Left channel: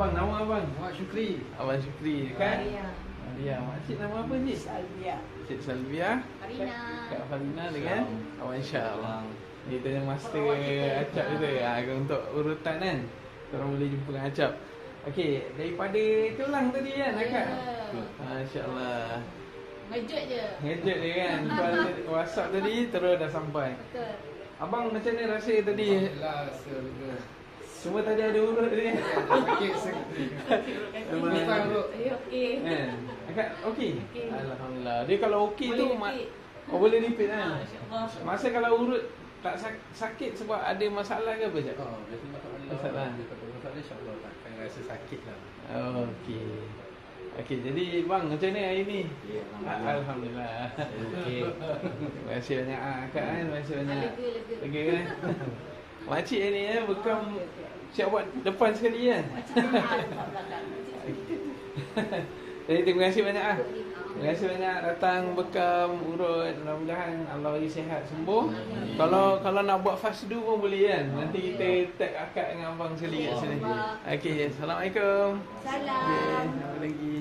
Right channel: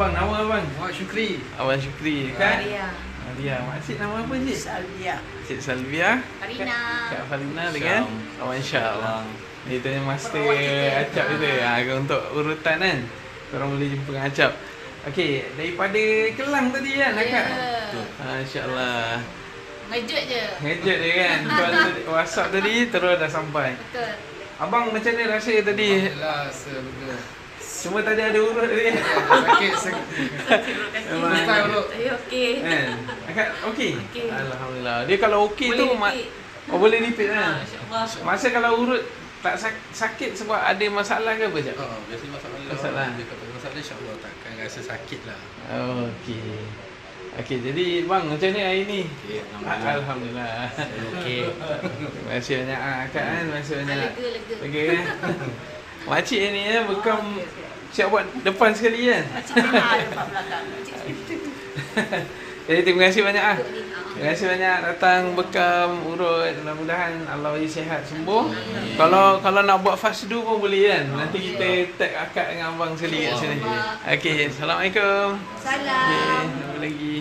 Abang, nama abang? Muhammad Syukri. Abang Syukri kan? Maria. Maria. Makcik nama apa cik? Salvia. Cik Salvia. Farina. Kak Farina dengan Abang Syam. Dia tanya master Perawat kita. Acap kita. Untuk urutan kan. Korang boleh jumpa dengan Acap. Okey, daripada Kelang tadi kan akak? Masya-Allah. Ngejut je. Ngejut dia kan. Call WhatsApp tadi terus dah sampai. Betul. Abang macam mana rasa tadi? Alhamdulillah, betul. Cuma tadi ada urut tadi. Sakit sakit. Memang Style dulu. Okey. kan? Akak okey? Okey. Alhamdulillah. Dia kalau okey tu Boleh repeat. boleh repeat kan? InsyaAllah. Masa kalau urut tak sakit sebab ada masalah ke apa je? Biasanya masalah. Masalah. Dia kata masalah insya-Allah takkan rasa sakit lah. Okey. Okey, jadi bang macam ni hari ni? Okey, Alhamdulillah. Okey. Terima kasih banyak akak kan. Terima kasih banyak. Lega. Lega kan? Makcik ni bekam siap buat depan sekali kan? Macam mana depan belakang. Jadi terima kasih banyak ah. Ikut ni. Terima kasih banyak datang bekam urut. Mudah-mudahan Allah bagi sihat sembuh. Kalau nak buat fast do pun boleh kan. Nanti kita tag akak dengan abang sekali kat sini. Okey, assalamualaikum. Salam. Okey, lagi.